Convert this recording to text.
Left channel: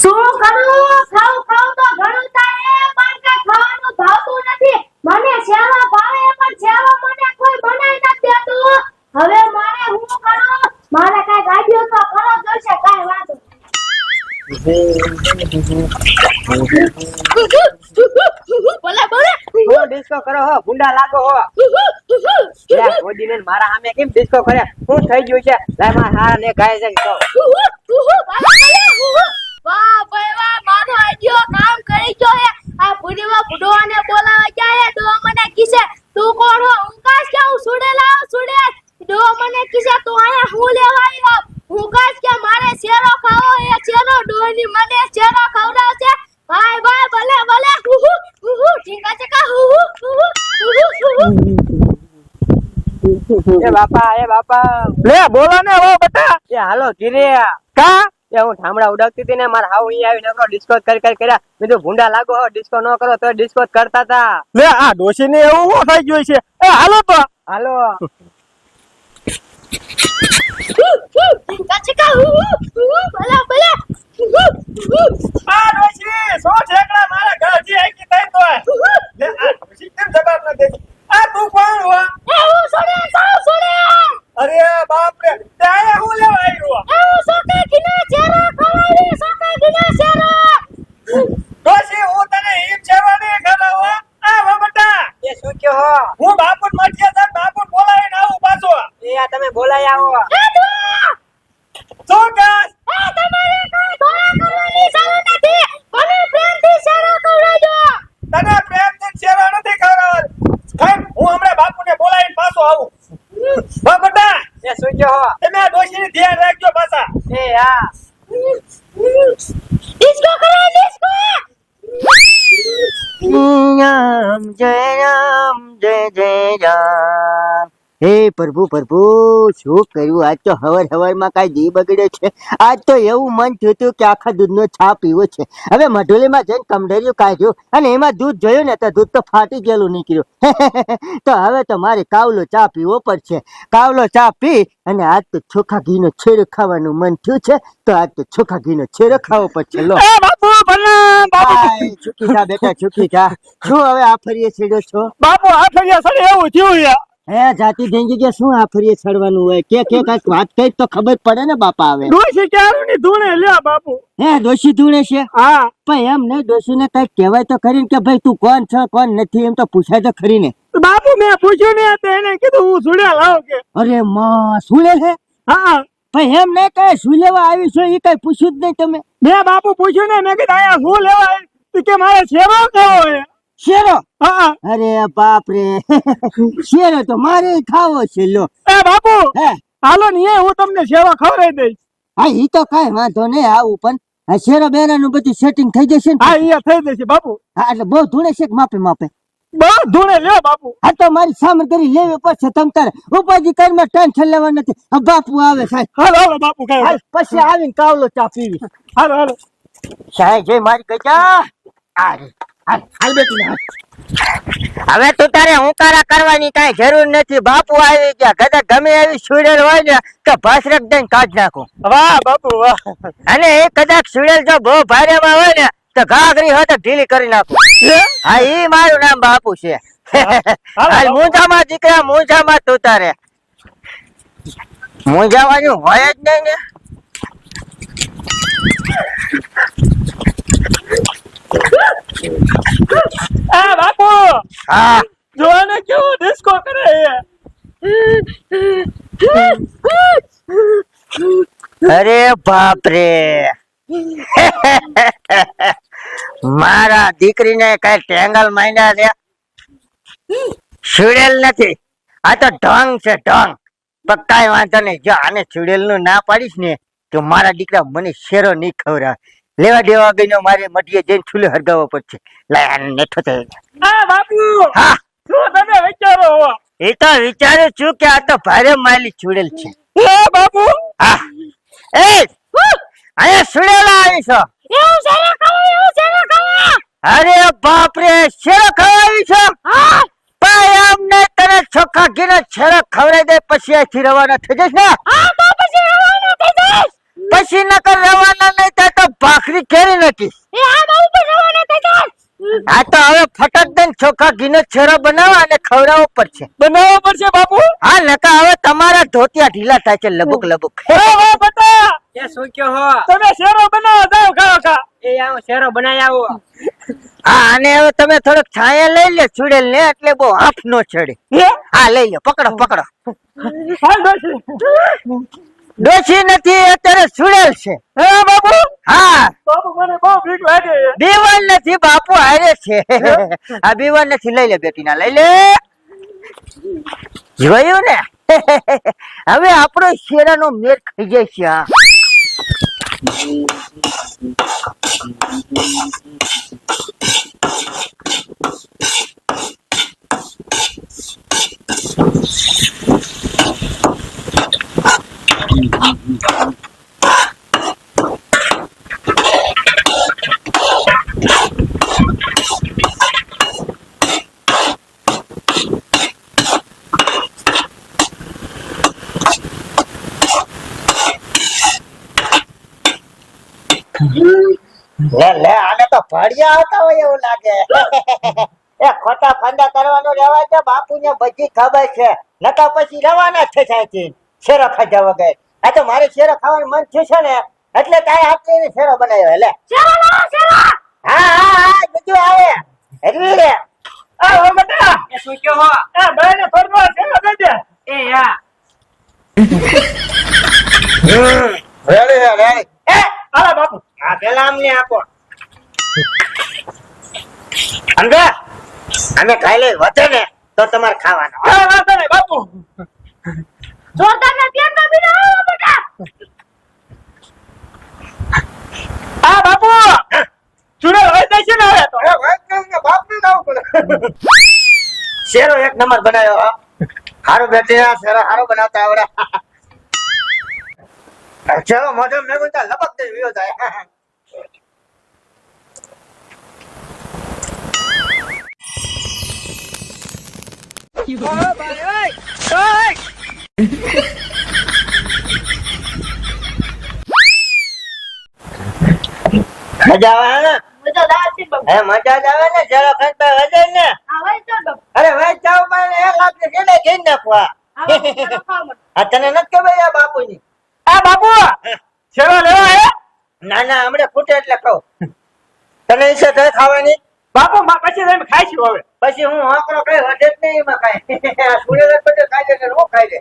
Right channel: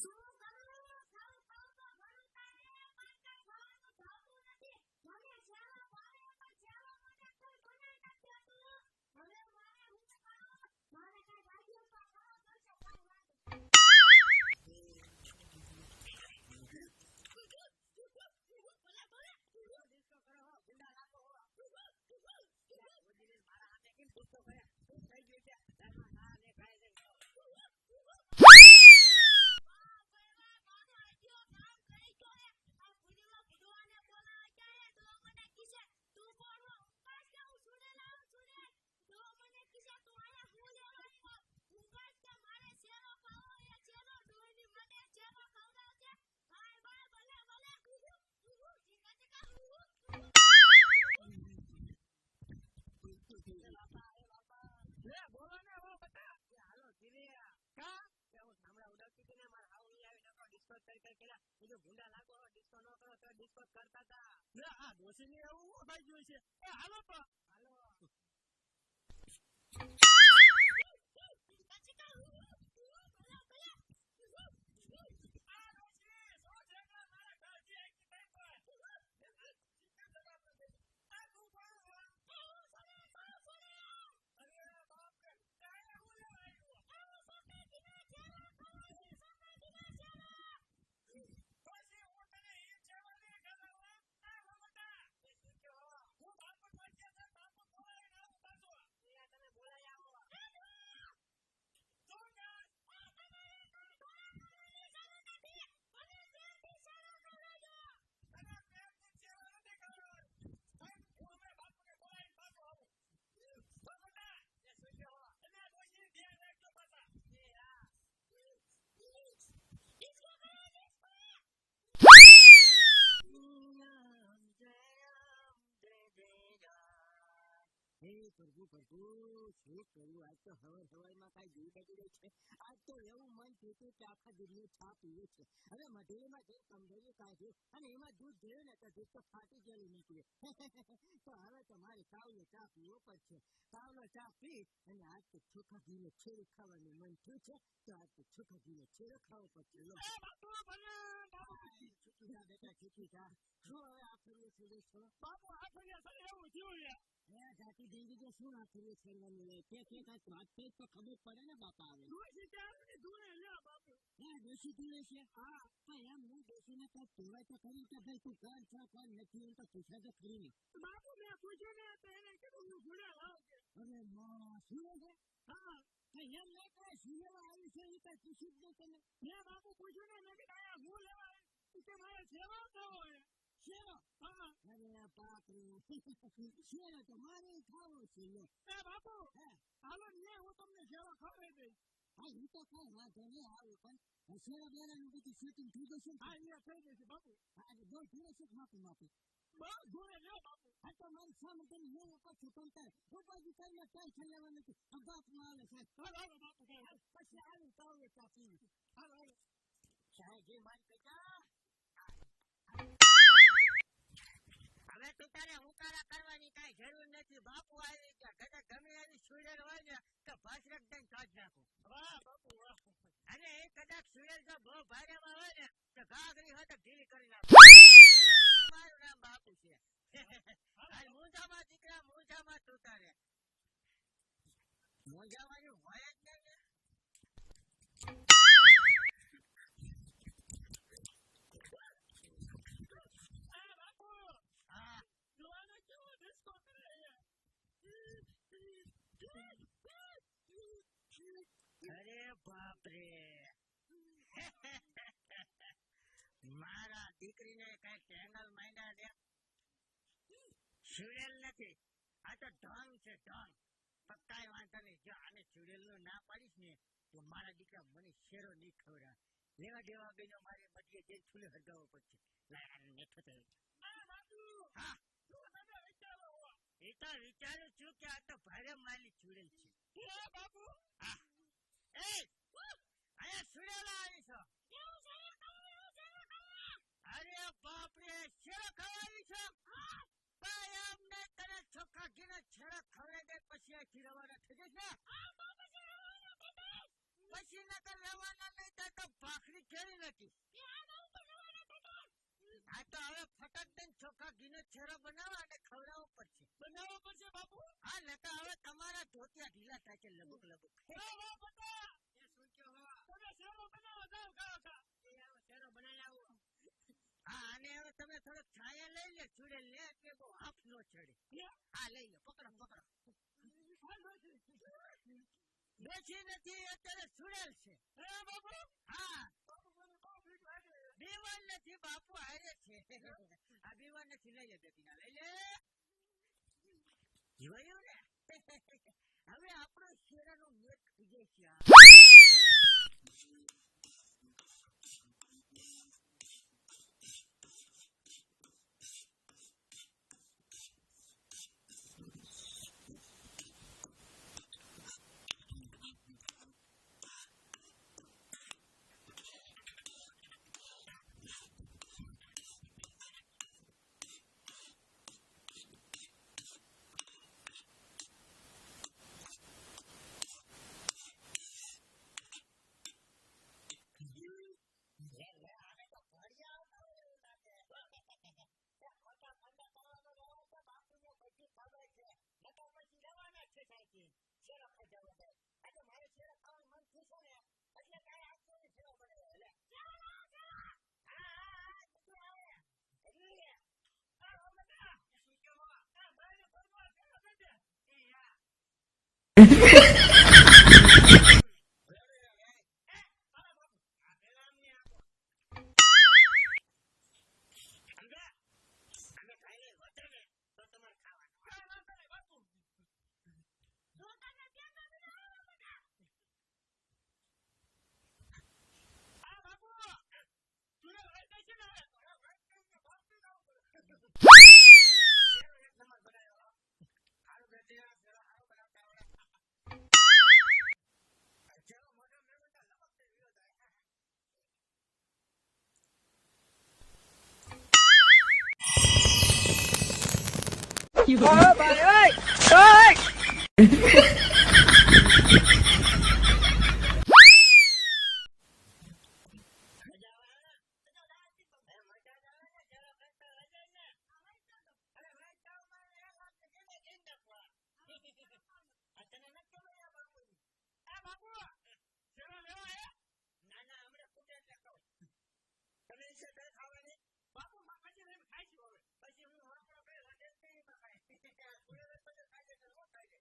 શું કરું? ખાવ ખાવ તો ઘણું થાય પણ કઈ ખાવાનું ભાવતું નથી. મને સેવા ભાવે પણ સેવા મને કોઈ બનાવી નથી દેતું. હવે મારે હું કરું? મારે કઈ ગાડીઓ તો કરો જોઈશે કઈ વાંધો. બોલા બોલા હો ડિસ્કો કરો હો ગુંડા લાગો હો લે ઓડીને મારા સામે કેમ ડિસ્કો કરે શું થઈ ગયું છે લે માર હારા ને ગાય છે તો વાહ ભાઈ વાહ મારો આઈડિયો કામ કરી ગયો હે. આ પુરીમાં બુડવાને બોલાવા જાય હે. ડો મને કીસે તું કોણ હો? ઉંકાશ કે હું સુડે લાવ સુડે. ડો મને કીસે તું આયા હું લેવા આવ્યો? ઉંકાશ કે મારે શેરો ખાવો હે. શેરો ડોની મને શેરો ખવડાવશે. બાય બાય ભલે ભલે ઠીકા ઠીકા એ બાપા લે બોલો ને ઓ બેટા એ હાલો ધીરે કા એ હું ઠામડા ઉડાવતી હતી ને મારા હાવ અહીં આવી નકરો ડિસ્કો કરી કર્યા મેં તો ભૂંડા લાગો હો ડિસ્કો ન કરો તો ડિસ્કો કરતા હતા લે આ ડોશી ને એવું શું થઈ ગયું છે એ હાલો તો હાલો ઠીકા ઠીકા ભલે ભલે આ ડોશી સો ઠેકડા મારા ઘરથી આકી તઈ તો લે આ ડોશી કેમ જવાબ ન દે આ તું કોણ હો? એ હું સુડે સાવ સુડે. અરે બાપ રે ત્યાં હું લેવા આવ્યો એ હું સોકે કિના ચેરો ખવાડી સોકે કિના ચેરો. ડોશી હું તને હિમ સેવા નહીં ખવડાવો આ વો બેટા એ શું કયો હો હું બાપુન મઠિયા સાહેબ બાપુન બોલાવીને આવું પાછો એ આ તમે બોલાય આવો એ ડો શું કાસ એ તમારે કોઈ ધોળા કરવાની જરૂર નથી. મને પ્રેમથી ચેરો ખવડાવજો. તને પ્રેમથી સેવા નથી ખવડાવવાની સાહેબ હું હમણાં બાપુને બોલાવીને પાછો આવું વો બેટા એ શું કયો હો તમે આ ડોશીને ધ્યાન રાખજો પાછા એ હા ડિસ્કો કરો ડિસ્કો. રામ જય જય રામ હે પ્રભુ પ્રભુ શું કર્યું આજ તો હવાર માં કઈ દી બગડે છે આજ તો એવું મન થયું હતું કે આખા દૂધનો છા પીવો છે હવે મઢોલીમાં જઈને કમડરિયું કાઢ્યું અને એમાં દૂધ જોયું ને તો દૂધ તો ફાટી ગયેલું નીકળ્યું તો હવે તો મારે કાવલો ચા પીવો પડશે કાવલો ચા પી અને આજ તો ચોખા ઘીનો છેડો ખાવાનું મન થયું છે તો આજ તો ચોખા ઘીનો છેડો ખાવો પડશે લો એ બાપુ ભલે બાપુ આય, ચૂકી જા બેટા ચૂકી જા શું હવે આ ફરીએ છેડો છો બાપુ આ ફરિયા સડે એવું થયું યાર હે જાતિ દેંગી કે શું આ ફરીએ છડવાનું હોય કે કાંઈક વાત કઈ તો ખબર પડે ને બાપા આવે ડોશી ક્યારું ની ધૂણે લ્યા બાપુ હે દોશી ધૂણે છે હા પણ એમ નહીં ડોશી ને કઈક કહેવાય તો ખરી ને કે ભાઈ તું કોણ છે કોણ નથી એમ તો પૂછાય તો ખરી ને બાપુ મેં પૂછ્યું ને તો એને કીધું હું સુડ્યા લાવ કે અરે માં સુલે છે હા પણ એમ નહીં કઈ શું લેવા આવી છો એ કઈ પૂછ્યું જ નહીં તમે મેં બાપુ પૂછ્યું ને મેં કીધું અહીંયા શું લેવા આવી? તો કે મારે સેવા ખાવો છે શેરો હા અરે બાપ રે શેરો તો મારે ખાવો છે લો એ બાપુ હે હાલો ને હું તમને સેવા ખવડાવી દઈશ હા ઈ તો કઈ વાંધો નહીં આવું પણ આ શેરો બેરાનું બધું સેટિંગ થઈ જશે ને હા અહીંયા થઈ જશે બાપુ હા એટલે બહુ ધૂણે છે કે માપે માપે બહુ ધૂણે લ્યો બાપુ આ તો મારી સામગ્રી લેવી પડશે તમ તારે ઉપાજી કરીમાં ટેન્શન લેવા નથી આ બાપુ આવે સાહેબ હાલો હાલો બાપુ હાલ, ખાવ પછી આવીને કાવલો ચા પીવી હાલો હાલો સાહેબ જય મારી ગજા હાલ હાલ બેટી હાલ. હવે તું તારે હુંકારા કરવાની કઈ જરૂર નથી બાપુ આવી ગયા કદાચ ગમે એવી સુડેલ હોય ને તો ભાસરક દઈને કાઢ નાખું વાહ બાપુ વાહ અને એ કદાચ સુડેલ જો બહુ ભારેમાં હોય ને તો ઘાઘરી હોય તો ઢીલી કરી નાખું હા ઈ મારું નામ બાપુ છે હાલ મૂંઝામાં દીકરા મૂંઝામાં તું તારે મૂંઝાવાનું હોય જ નહીં ને આ બાપુ હા જો ને કેવો ડિસ્કો કરે અરે બાપ રે મારા દીકરીને કઈ ટેંગલ માંડ્યા છે છુડેલ નથી આ તો ઢોંગ છે ઢોંગ પણ કઈ વાંધો નહીં જો આને છુડેલ નું ના પાડીશ ને તો મારા દીકરા મને શેરો નહીં ખવડાવે લેવા દેવા ગઈ મારે મટીએ જઈને છુલે હરગાવવો પડશે લાય આને નેઠો થઈ આ બાપુ હા શું તમે વિચારો હો એ તો વિચારું છું કે આ તો ભારે માલી છુડેલ છે એ બાપુ હા એ અહીંયા છુડેલા આવી છો એવું શેરો ખાવો એવું શેરો ખાવો. અરે બાપ રે શેરો ખવડાવી છો હા ભાઈ અમને તને ચોખ્ખા ઘીનો શેરો ખવડાવી દે પછી અહીંથી રવાના થઈ જઈશ ને હા તો પછી રવાના થઈ જઈશ. પછી નકર રવાના નહીં થાય તો ભાખરી ખેરી બેટી એ આ બાબુ તો રવાના થઈ જા. આ તો હવે ફટક દઈને ચોખા ઘીનો છેરો બનાવવા અને ખવડાવવો પડશે બનાવવો પડશે બાપુ. હા નકા હવે તમારા ધોતિયા ઢીલા થાય છે લબુક લબુક વાહ બટા, એ શું કયો હો? તમે શેરો બનાવો જાઓ ખાઓ ખા. એ આવો શેરો બનાવી આવો. હા અને હવે તમે થોડોક છાયા લઈ લે છુડેલ ને એટલે બહુ હાફ નો ચડે હે? હા લઈ લો પકડો પકડો હાલ ડોશી. ડોશી નથી અત્યારે છુડેલ છે હે બાપુ? હા બાપુ મને બહુ બીક લાગે છે. બીવન નથી બાપુ હારે છે આ બીવન નથી લઈ લે બેટી ના લઈ લે જોયું ને હવે આપણો શેરાનો મેળ ખાઈ જાય છે હા લે લે આને તો ભડિયા આવતા હોય એવું લાગે એ ખોટા ફંદા કરવાનો રહેવા છે બાપુને બધી ખબર છે નકા પછી રવાના જ થાય છે શેરો ખાધા વગર આ તો મારે શેરો ખાવાનું મન થયું છે ને એટલે તારે હાથની શેરો બનાવ્યો લે શેરો લાવો શેરો. હા હા હા બધું આવે એટલે આ હો બટા, એ શું કયો હો? આ ભાઈને ફરવા શેરો દેજે. એ યા. રેડી રેડી એ હાલો બાપુ. આ પેલા અમને આપો સમજ્યા અમે ખાઈ લઈ વધે ને તો તમારે ખાવાનો હા વાંધો નહીં બાપુ. જોરદાર ને પ્યાર ના બીનો આવો બેટા. આ બાપુ ચૂડો હોય દેશે ને હવે તો. શેરો એક નંબર બનાવ્યો હો. હારો બેટી આ શેરો હારો બનાવતા આવડે ચલો મોઢે મેં બોલતા લપક દે વિયો જાય ઓય ભાઈ ઓય ઓય. મજા આવે ને મજા દાવ છે બાબુ. હે મજા જ આવે ને શેરો ખાતા વધે ને આ વઈ ચાલ બાબુ. અરે ભાઈ ચાવ માં એક લાખ ને કેડે ઘી નાખવા આ બાબુ શેરો ખાવા મળે. આ તને નથી ખબર આ બાપુની આ બાપુ શેરો લેવા હે? ના ના હમણાં ફૂટે એટલે ખાવ તને ઈચ્છા થાય ખાવાની બાપુ માં પછી તમે ખાઈશું હવે. પછી હું આંકડો કઈ વધે જ નહીં એમાં કાંઈ આ સુરેશ બધે ખાઈ લે હું ખાઈ લે